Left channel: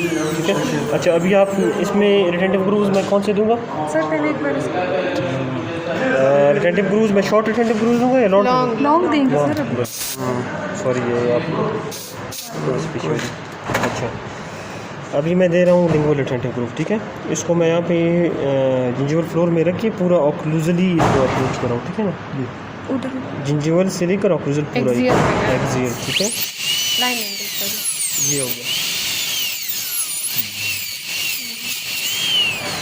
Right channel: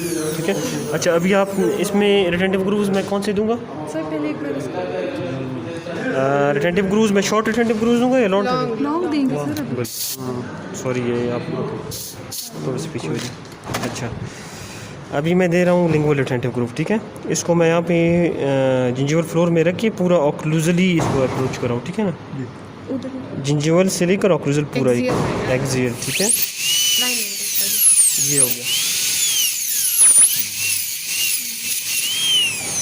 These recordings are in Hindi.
ठीक है। अच्छा अभी आप इसमें रिटेंटिव ग्रूव्स मैं कौन से दूंगा? सर पहले एक बार इसको रिटेंटिव ग्रूव्स मैं शॉर्ट रिटेंटिव ग्रूव्स दूंगा या लॉन्ग? लॉन्ग देंगे सर अभी। सॉरी ये आप अच्छा अभी मैं दे रहा हूँ लिंगुअल रिटेंटिव ग्रूव। ठीक है, इसको मैं यहाँ पे जिंजिवल फ्लोर में रख के पूरा ऑक्लूजली इसको अप्रोच कर रहा हूँ। ठीक है ना, उधर जिंजिवल से लेकर ऑक्लूजल पूरा एक्सियल। ठीक है, लाइन एंगल सर ये हो गया।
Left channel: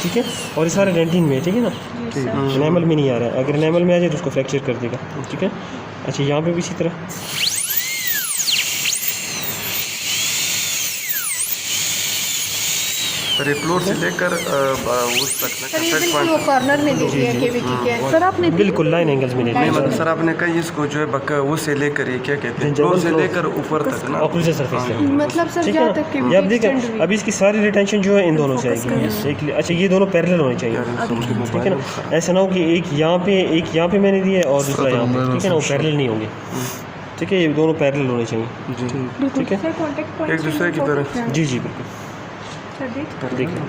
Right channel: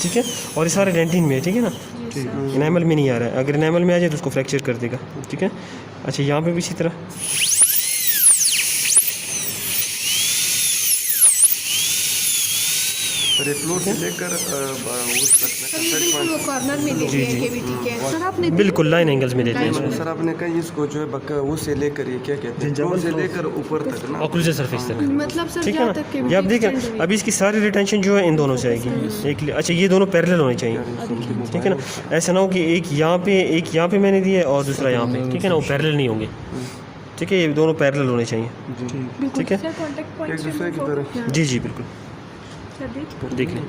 ठीक है, और ये सारा डेंटिन में है। ठीक है ना, एनामल में नहीं आ रहा है। अगर एनामल में आ जाए तो उसको फ्रैक्चर कर देगा। ठीक है, अच्छा यहाँ पे भी इसी तरह सर ये फ्लोर से लेकर उस तक ना सर ये बिल्कुल वो कॉर्नर में दे दिया केविटी के सर आपने बिल्कुल लाइन एंगल्स में नहीं मतलब सर आपने कहा इसको जो है बक्का वो से लेकर ये क्या कहते हैं फ्लोर से लेकर ऊपर तक ना ऑक्लूजल सरफेस तक। मतलब सर ठीक है जहाँ ना, तक ये आप देखें अभी इसकी सारी रिटेंशन जो है इन दोनों से आएगी। एक अच्छा ये दोनों पैरेलल होने चाहिए। ठीक है ना, ऐसा ना हो कि एक यहाँ पे मैंने दिया है और दूसरा यहाँ पे। ठीक है ना, वो पैरेलल नहीं होंगे। ठीक है, ये दोनों पैरेलल होने चाहिए। ठीक है, एक दूसरे की तरह। जी जी बिल्कुल। देखिए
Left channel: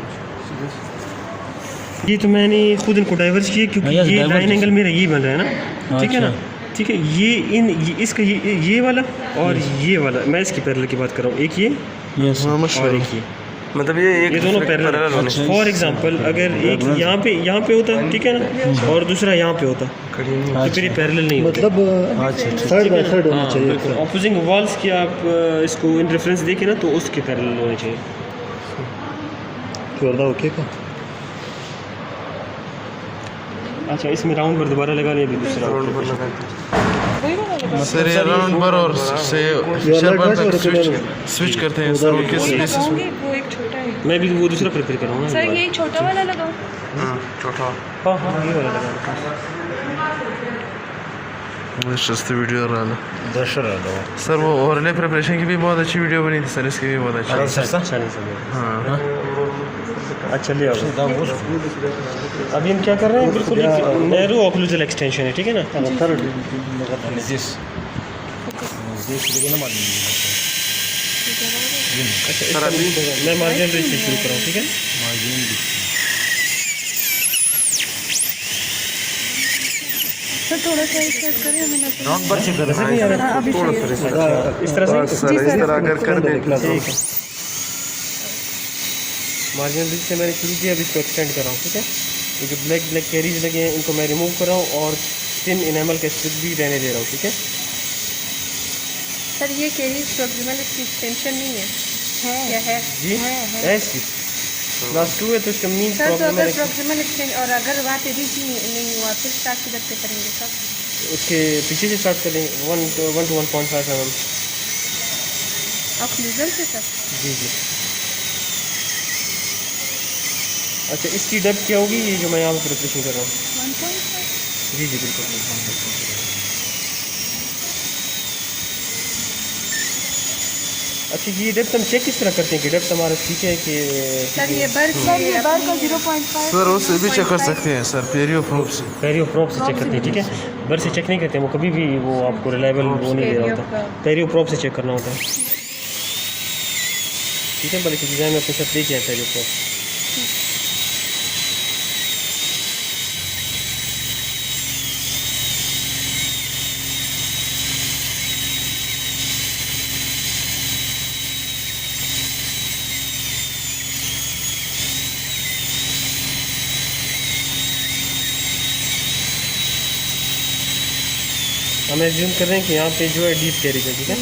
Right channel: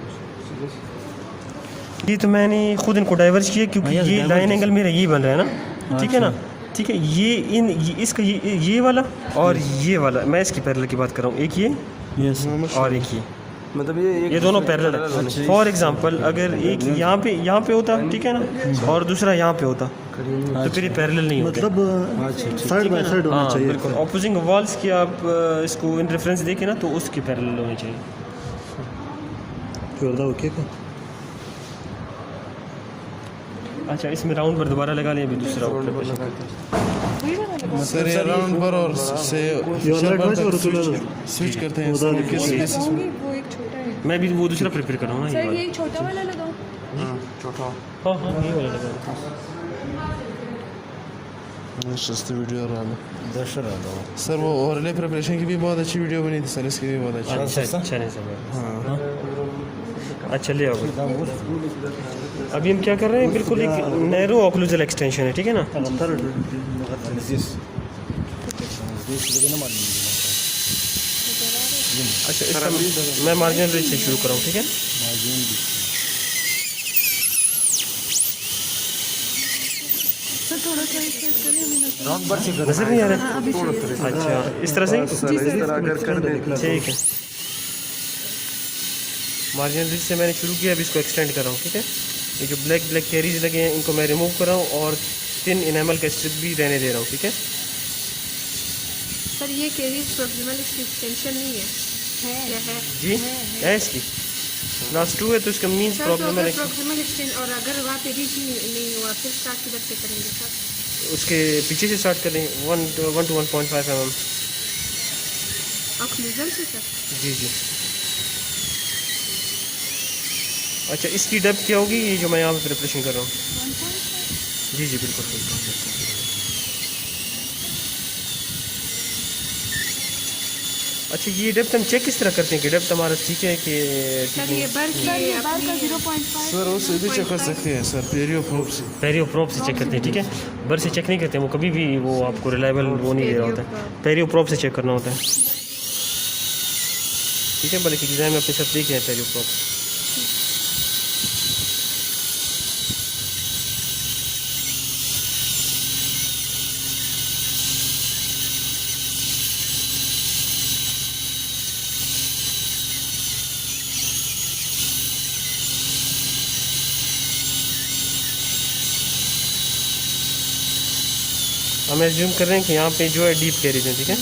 ये तो मैंने खुद इनको डाइवर्स किया क्योंकि ये लाइन एंगल मेरा यही बन रहा है ना। ठीक है ना, ठीक है, ये इसका ये वाला और ये वाला मैं इसकी पैरेलल की बात कर रहा हूँ। एक ये और एक ये, मतलब ये दोनों पैरेलल होने चाहिए। फॉर एग्जांपल अगर एक यहाँ पे होता, ठीक है ना, और दूसरा यहाँ पे होता तो फिर ये पैरेलल नहीं होता। मतलब साइड बाय साइड होना चाहिए। बिल्कुल ऑपोजिंग वॉल्स की आप इसको इन रेफरेंस देखें ना तो उसके पैरेलल होने चाहिए। ओके का अच्छा इसमें राउंड पर दोबारा लगा लें, अभी दूसरा सर ये राउंड पर और से शर्बर तक स्विच करते हैं सर, वो किस बेसिस पे? वो एक छोटा है मैं भी वो दूसरा प्रिपेयर कर रहा हूँ ना। सर ये छोटा वाला लगाओ। छोटा हाँ ये वाला लगा। सस्ती वीडियो रहा दशर आ गया सर, वो ओवरले प्रिपरेशन की भी बहुत अच्छी वीडियो बनी थी सर, इसकी भी बहुत अच्छी। अच्छा नहीं सर। हाँ अच्छा ले आओ। अभी हम क्या कर रहे हैं, बिल्कुल एक नैरो ऑक्लूजल एक्सटेंशन है। ठीक है ना, अच्छा सर अभी मैं मार्जिन ब्रिज से शुरू कर रहा हूँ। ठीक है, सर थोड़ा सा स्ट्रेच करें हमें ना नजर नहीं आ रहा है? अभी सही है। अच्छा इस तरह से सर इस तरह अगर कर दे ठीक है। मार्जिन ब्रिज से मैंने शुरू किया, अभी इसको एक्सटेंड कर रहा हूँ। ठीक है, ये जो ब्लैक कैरीज लगे हैं इनको मैं रिमूव कर रहा हूँ और थिन इनेमल का स्ट्रिप भी रहने दे रहा हूँ। ठीक है, सर ये केरीज प्रॉब्लम इसकी एक्सटेंशन नहीं है क्या है? जी ऐसी क्लास 2 है तो इसका मीन सर तो प्रॉब्लम अगर है। प्रॉब्लम एक्सटेंड और अगर बात यदि नहीं हुआ फिर स्टार्ट किधर से करेंगे सर? उसके पीछे से स्टार्ट करें 1 to 1.5 mm। आप यूजर से सर? जी जी। अच्छा इसकी डेप्थ क्या होगी, ये जो मैं यहाँ पर प्रिपरेशन कर रहा हूँ? 1.5 जी जी बिल्कुल। अच्छा ये डेप्थ हम चेक किस तरह करते हैं कि डेप्थ हमारा ठीक है कि सर ये बर का 0.5 सर उससे भी चेक कर सकते हैं सर, पेरियो प्रोब से। पेरियो प्रोब से चेक करते हैं। ठीक है, बर से चेक नहीं करते हैं, वो कभी भी वो आपको रिलायबल वो नहीं दे रहा होता। पेरियो प्रोब से चेक करना होता है। ठीक है, बल्कि डिज़ाइन में अपने साथ देखिए पेरियो प्रोब। हम एज्यूम कर रहे हैं कि यहाँ पे जो है डीप कैरीज है। ठीक है,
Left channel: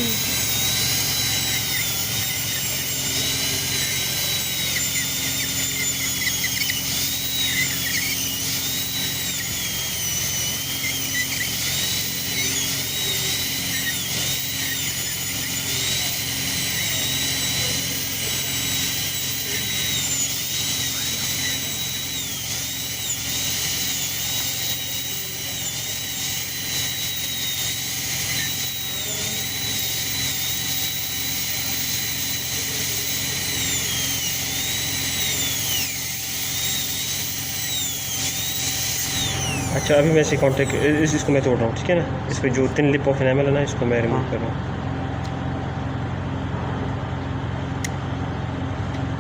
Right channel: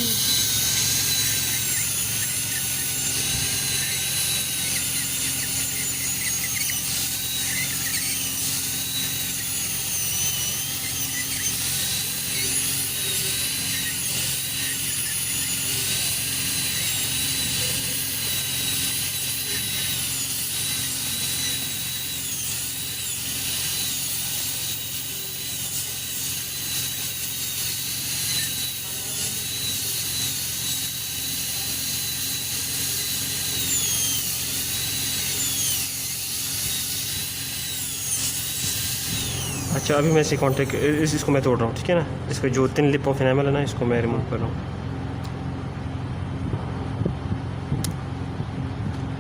अच्छा अभी मैं इसे कॉन्टेक्ट इसको मैं तोड़ रहा हूँ। ठीक है ना, इसको जो थिन लिप ऑफ एनामल है ना इसको मैं रिमूव कर रहा हूँ।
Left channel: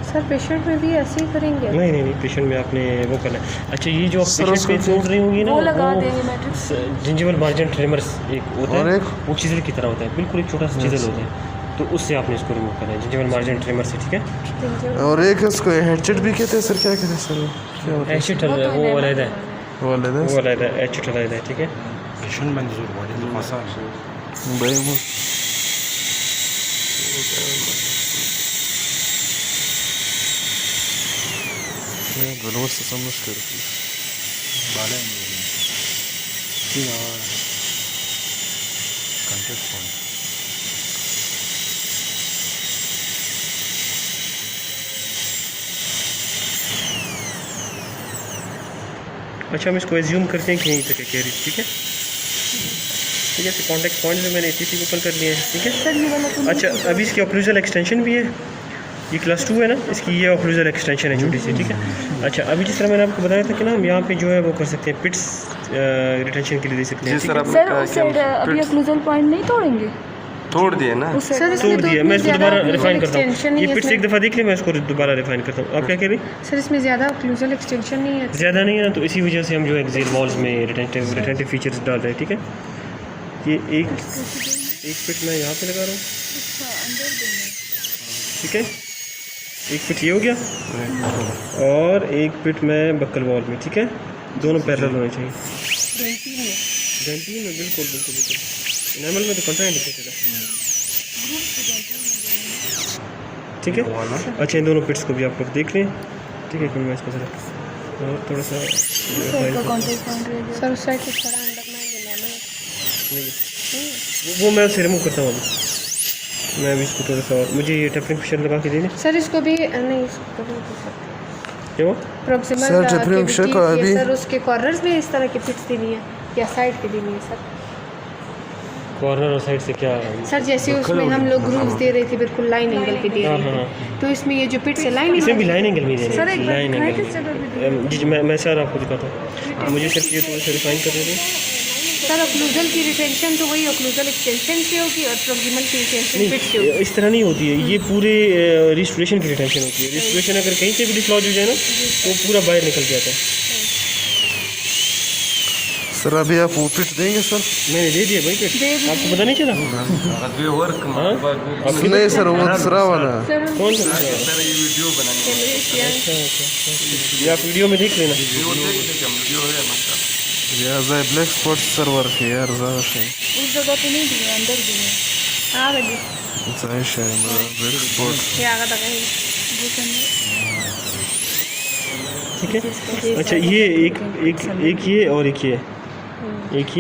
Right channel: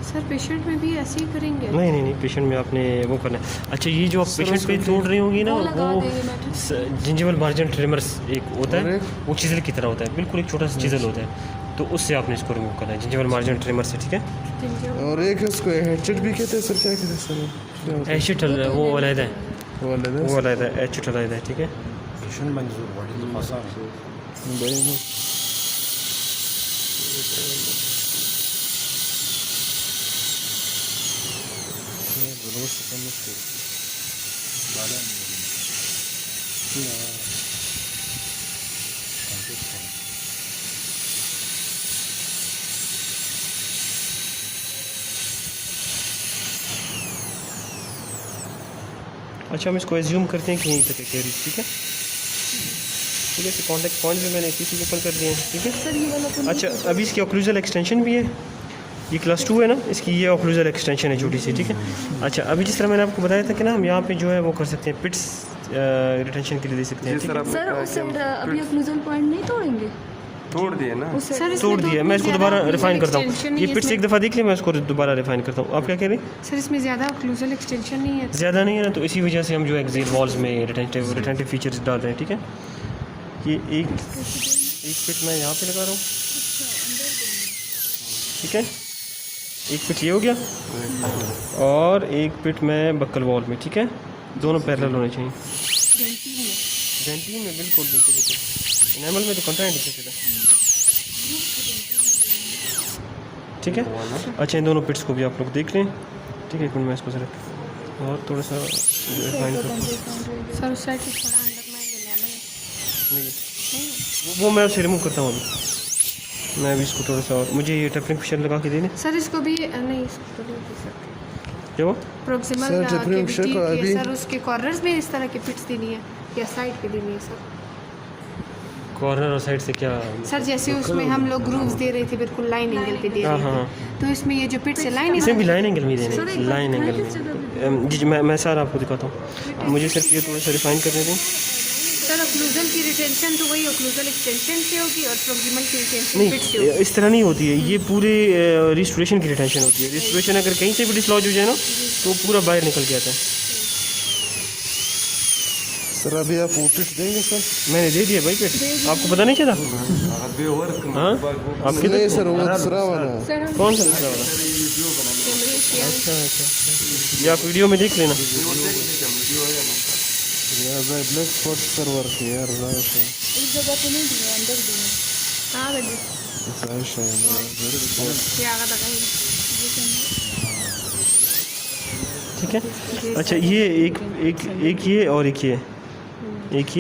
सर पेशेंट में भी ऐसे ही करेंगे? नहीं नहीं नहीं, पेशेंट में आपने वो करना है। अच्छा ये जो पेशेंट पे ढूंढ रही होंगी ना, वो लगा देंगे मैट्रिक्स। जिंजिवल मार्जिन ट्रिमर्स एक होता और है, एक? वो चीज़ल की तरह होता है, बिल्कुल एक छोटा सा चीज़ल होता है, तो उससे आपने इसको रिमूव करना है, जिंजिवल मार्जिन ट्रिमर से, ठीक है। और एक उसको हेडसेट भी कहते हैं सर, क्या कहते हैं सर? क्या होता है? एशिट वो अलग है, वो अलग है? वो अलग है, एशिट अलग है, ठीक है। भाई वो गलवर से समझ कर अच्छा हम इसको एज्यूम करते हैं कि यहीं तक है कैरेज, ठीक है। ठीक है, तो कॉन्टेक्ट पॉइंट भी मैंने इसी ओपन कर दिए हैं, ठीक है। सर ये वाला तो अच्छा अभी इसकी ऑक्लूजल एक्सटेंशन भी है, ये क्लास 2 है ना, इसकी ये ऑक्लूजल एक्सटेंशन है छोटी सी, ठीक है। अच्छा अभी जिस तरह मैंने आपको बताया था कि ना हम यहाँ पे जो है वो कर सकते हैं, पिट्स रिटेंशन के लिए दे सकते हैं, जी सर, आपने सर कहा उस कि हम साइड अभी ऑक्लूजल पॉइंट नहीं तोड़ेंगे? तोड़ दिए ना। सर इसमें तोड़ तो दिया, इतनी मैं इसको ज़्यादा दोबारा रिफाइन करता एक्सटेंशन हूँ, नहीं ये है पिट्स सर। एक दफ़ा देख लिया, मैं इसको दोबारा रिफाइन करता हूँ। आप क्या कह रही हैं? सर इसमें ज़्यादा ऑक्लूजल एक्सटेंशन नहीं है। ज़्यादा नहीं है ना, तो इसी वजह से हम जो एक्सियल वॉल्स में रिटेंटिव फीचर्स डाल रहे हैं, ठीक है। ये एक फिट मैं यहाँ पे लगा रहा हूँ, ठीक है। एक फिट ये हो गया और एक फिट मैं बक्कल वॉल में, ठीक है। दोनों पैरेलल होने चाहिए। डेंटिन में बिल्कुल बिल्कुल बिल्कुल, एनामल में तो कंट्राइंडिकेटेड है, ठीक है। अच्छा इन दोनों पिट्स को भी आप लोग देख लें, ठीक है। मैं इसको जरा और थोड़ा सा सर उस साइड कुछ पड़ा अंडरमाइन वो मैं उसे रिमूव करता हूँ अभी। मैं भी इसको थोड़ा सा और मुझे ये टेपरिंग फिशर लगा के दे दें, सर इसको भी नहीं, इसको भी दे सकते क्या हुआ? प्रोक्सिमल सर, tapering check को अभी- सर उसके कॉर्नर्स में इस तरह की पिट्स देनी है या साइड की देनी है सर? कॉर्नर और साइड से क्या? सर जैसे उसमें हम लोग ग्रूव्स दे रहे थे बिल्कुल लाइन एंगल पे दे हाँ रहे हाँ थे, तो इसमें ये जो पिट्स है लाइन इसमें भी एंगल। लाइन एंगल में देने सर एक बार लाइन दिखाएं एंगल किस जगह पे दें? जी मैं सर आपको दिखाता हूँ, मुझे सिर्फ ये थोड़ा सा रिफाइन करने दें। सर ऑक्लूजल की रिटेंशन तो वही ऑक्लूजल एक्सटेंशन से होगी और प्रोक्सिमल की रिटेंशन पिट से होगी। नहीं इस तरह नहीं होती है, ये पूरे रिस्टोरेशन की रिटेंशन होती है। रिस्टोरेशन अगर कहीं से भी डिसलॉज हो जाए ना तो पूरा बाहर निकल जाता है। सर अभी आप वो पिट देंगे सर? मैंने दे दिया भाई फिर, आपको पता नहीं चला? वर्क हाँ नहीं सर, वो दूसरा वाला। कौन सा दूसरा वाला? सर ये वीडियो बनाने अच्छा अच्छा, ये आप वीडियो में देख लेना। वीडियो है मतलब यार जाए ब्लैक स्पॉट सर वर्क है यार, ज़्यादा से उस जगह पे नहीं दिए, अंदर दिए। हाँ भाई ज़्यादा से ब्लैक स्पॉट। ये आगे तक है ठीक है। अच्छा ये एक ये और एक ये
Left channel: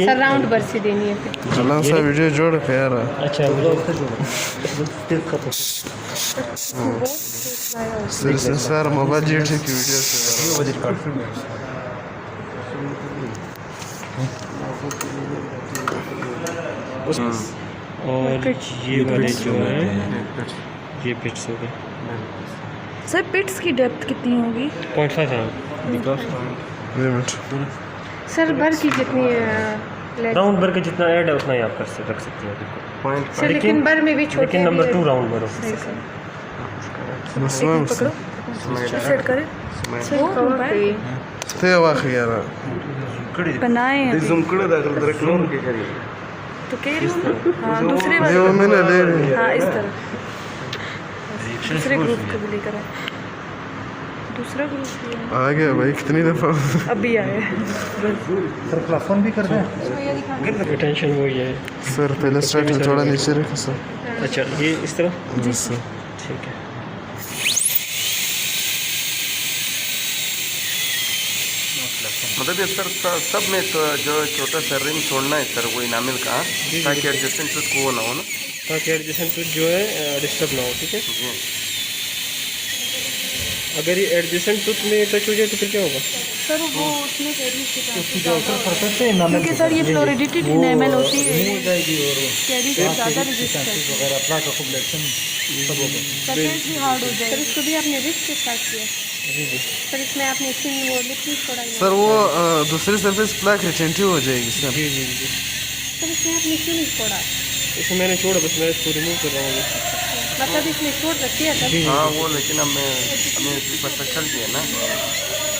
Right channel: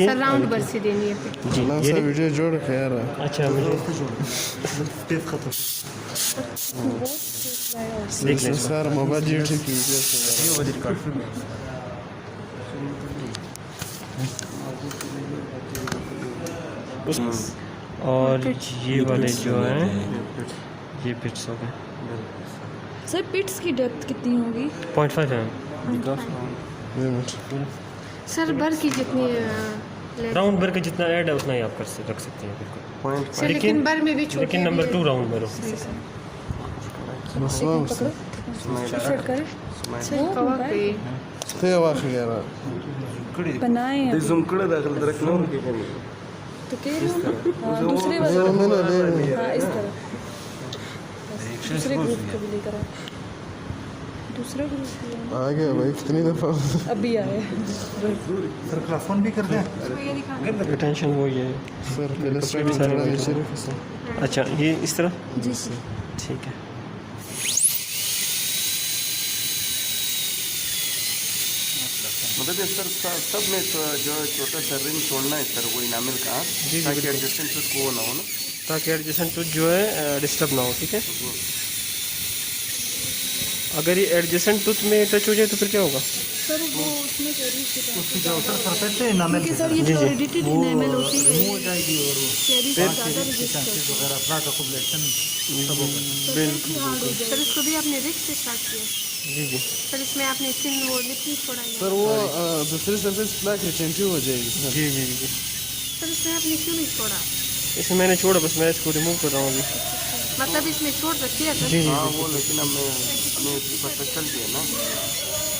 सर राउंड बर से देनी है फिर। चला सा वीडियो जोड़ के यार। अच्छा सर मोबाइल जी ठीक वीडियो से और ये वाले जो है ये पिट्स हो गए। सर पिट्स की डेप्थ कितनी होगी? 0.5 है लिमिट। सर भर की जितनी है राउंड भर के जितना ऐड है उतना ही आप कर रख सकते हैं बिल्कुल। सर लेकिन बर में भी छोटे लेकिन नंबर 2 राउंड भरो। सही सर स्वयं से सेट करें सर कवर पे थे वाक़ई यार। बनाए हैं अभी। जूम कर दाखिल तरह क्लोन के करिए तो कह रही हूँ हाँ दूसरे ये वाले वो मैंने ले ली। हाँ इस तरह दूसरे ग्रुप को भी लेकर आए। दूसरा ग्रुप आ गया भाई, कितनी दफ़ा अभी आया है। सर क्लास 1 भी कर दें? रिटेंशन वो ये है। सर पहले स्ट्राइक थोड़ा नीचे रखो सर। अच्छा ये इस तरह जी सर। ठीक है। मतलब ये सर सब में तो जो छोटा सा रिंग छोड़ना है सर वो इनामिल का, ताकि एडजस्टेंट टूथ को वो ना हो ना, ताकि एडजस्टेंट टूथ जो है डिस्टर्ब ना हो, ठीक है। जी अगर ये एडजस्टेंट टूथ में टच हो जाए तो फिर क्या होगा? सर वो उसमें उसकी जो अल्ट्रा सरफेस है ना, क्योंकि सर ये फ्लोरिडिटी इनेमल होती है, हो जाएगी और वो कैरी से ज़्यादा रेजिस्ट करती है। वगैरह प्लाक अकोमोडेशन सब होगा। सरफेस भी हार्ड हो सर जाएगी। इसको भी आपने रिस्क के साथ किया जी जी। सर इसमें आपने इसमें वो लिक्विड छोड़ा ही नहीं। सर वो दूसरी सरफेस प्लाक रिटेंटिव हो जाएगी सर। जी जी जी। सर इसमें आपने क्यों नहीं छोड़ा? इसमें मैंने छोड़ा, बस मैं इसको रिमूव कर रहा हूँ अभी। मतलब इसमें छोड़ रखी है सर। हाँ वो, लेकिन अब मैं हमें पता चल गया ना।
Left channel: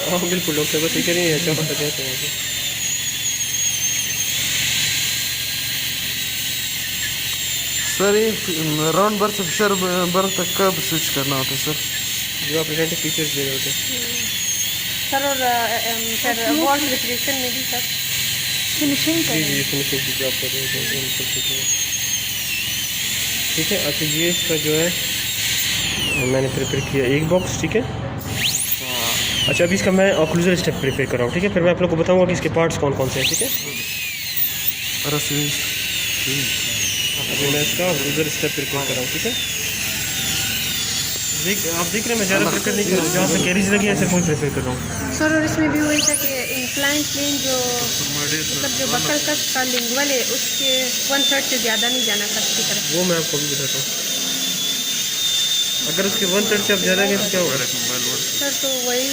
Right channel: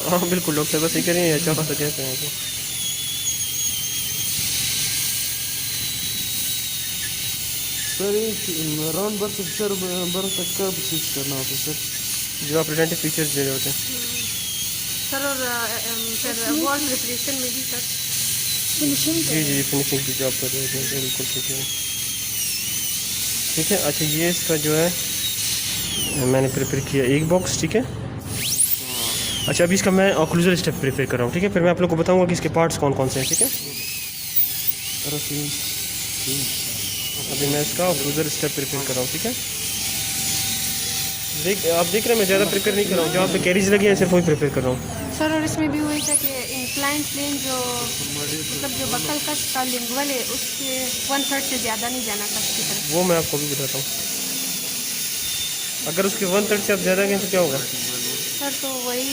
हाँ बिल्कुल, डॉक्टर बस ये करें अच्छा पता कहते हैं। सर ये राउंड बर्थ से फिशर बर्थ तक कब स्विच करना होता है सर? जो आप रिटेंटिव फीचर्स दे रहे होते हैं सर, और सर वॉल रिप्रेशन में भी सर फिनिशिंग जी जी, फिनिशिंग की जॉब कर रहे हैं ठीक है। अच्छा ये इसका जो है मैंने प्रिपेयर किया एक बॉक्स, ठीक है। अच्छा अभी इसका मैं ऑक्लूजल स्टेप प्रिपेयर कर रहा हूँ, ठीक है। फिर मैं आप लोग को बताऊँगा कि इसके पार्ट्स कौन कौन से हैं, ठीक है। अभी मैं इसका ऑक्लूजल स्टेप प्रिपेयर कर रहा हूँ, ठीक है। आप देख रहे हैं मैं ज़्यादा प्रिपेयर नहीं कर रहा हूँ, जहाँ पे कैरीज लगी हैं सिर्फ वही प्रिपेयर कर रहा हूँ सर। और इसमें भी वही था कि इंक्लाइन प्लेन जो मतलब जो बकल कस का लिंगुअल है उसके 1/3 से ज़्यादा नहीं जाना कस की तरफ। वो मैं आपको भी बताता हूँ। अगर उसके 1/3 से आप ज़्यादा गए तो क्या होगा सर? तो वही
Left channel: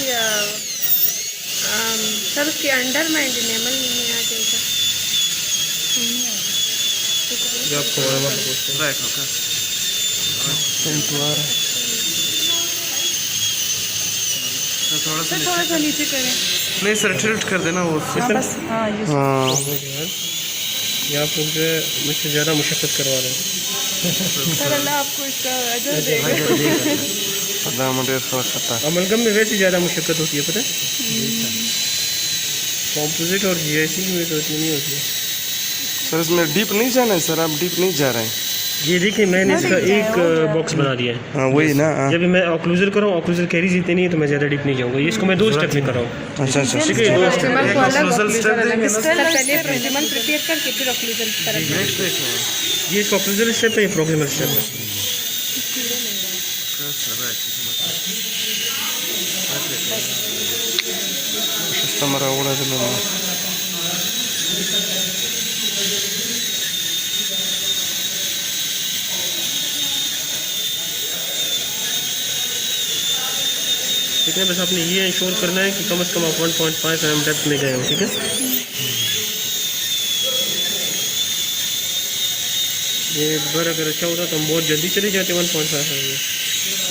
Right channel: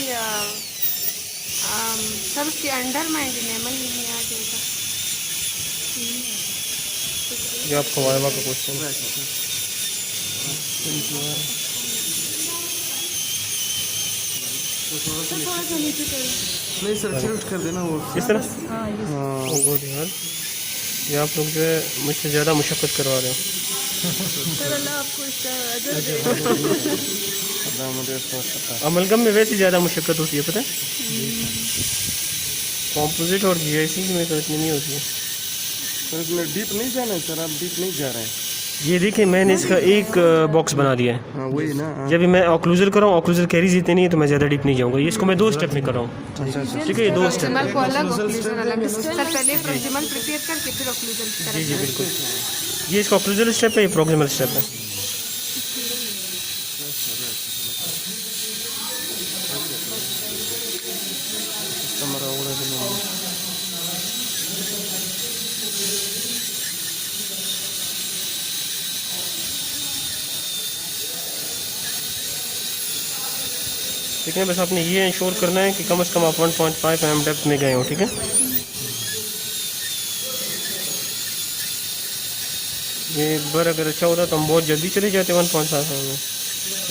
सर उसके अंडर में एंटिनेमल में आ जाएगा। जो आपको मालूम है सर थोड़ा सा नीचे करें। नहीं सर, टिल्ट कर देना वो। हाँ बस, हाँ ये ये आप लोग जो है मुझसे ज़्यादा मुशक्क़त करवा रहे हैं। सर अल्लाह आपको इसका अजर दे। अमलगम में वैसे ज़्यादा मुशक्क़त होती है, पता है। कॉम्पोजिट और जीआईसी में तो इतनी नहीं होती है। सर इसमें डीप नहीं जाना है सर, आप डीप नहीं जा रहे हैं। ये देखिए मैंने इसका एक बॉक्स बना दिया है। हाँ वही ना। हाँ। जब मैं ऑक्लूजल कर रहा हूँ, ऑक्लूजल कैरीज इतनी नहीं है तो मैं ज़्यादा डीप नहीं जाऊँगा। ये इसको मैं 2 स्टेप में कर रहा हूँ, अच्छा अच्छा ठीक है। 2 स्टेप प्रोक्सिमल को अलग ऑक्लूजन अलग। सर पहले प्रोक्सिमल प्रिपेयर करके फिर ऑक्लूजन की तरफ। ये इसका ऑक्लूजल स्टेप है, ये प्रोक्सिमल स्टेप है। हमारा उड़ा दिला ठीक है। बस आपने ये इंश्योर करना है कि कम से कम आप 1.5 mm डेप्थ में गए हो, ठीक है। ये बर अगर अच्छा होता तो हम बहुत जल्दी चले जाते 1.5 mm में,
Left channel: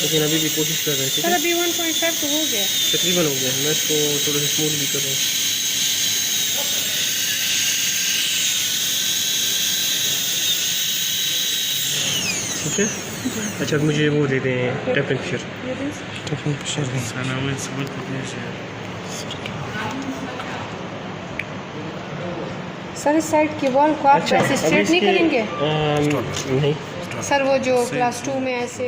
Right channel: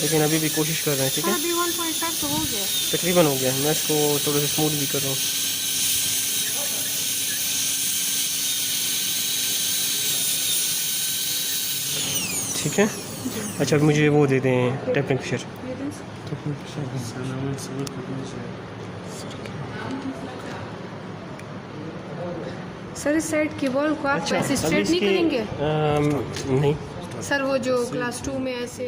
लेकिन अभी भी कोशिश कर रहे हैं, ठीक सर है। अभी 1.5 तो हो गया तकरीबन हो गया। मैं इसको थोड़ा सा स्मूथ भी कर रहा हूँ, ठीक है। अच्छा मुझे वो दे दें टैपिंग फिशर। सर इस साइड की वॉल को आप अच्छा, ऐसे अभी स्ट्रेट नहीं इसके- करेंगे नहीं सर? वो जो क्लास 2 में ऐसे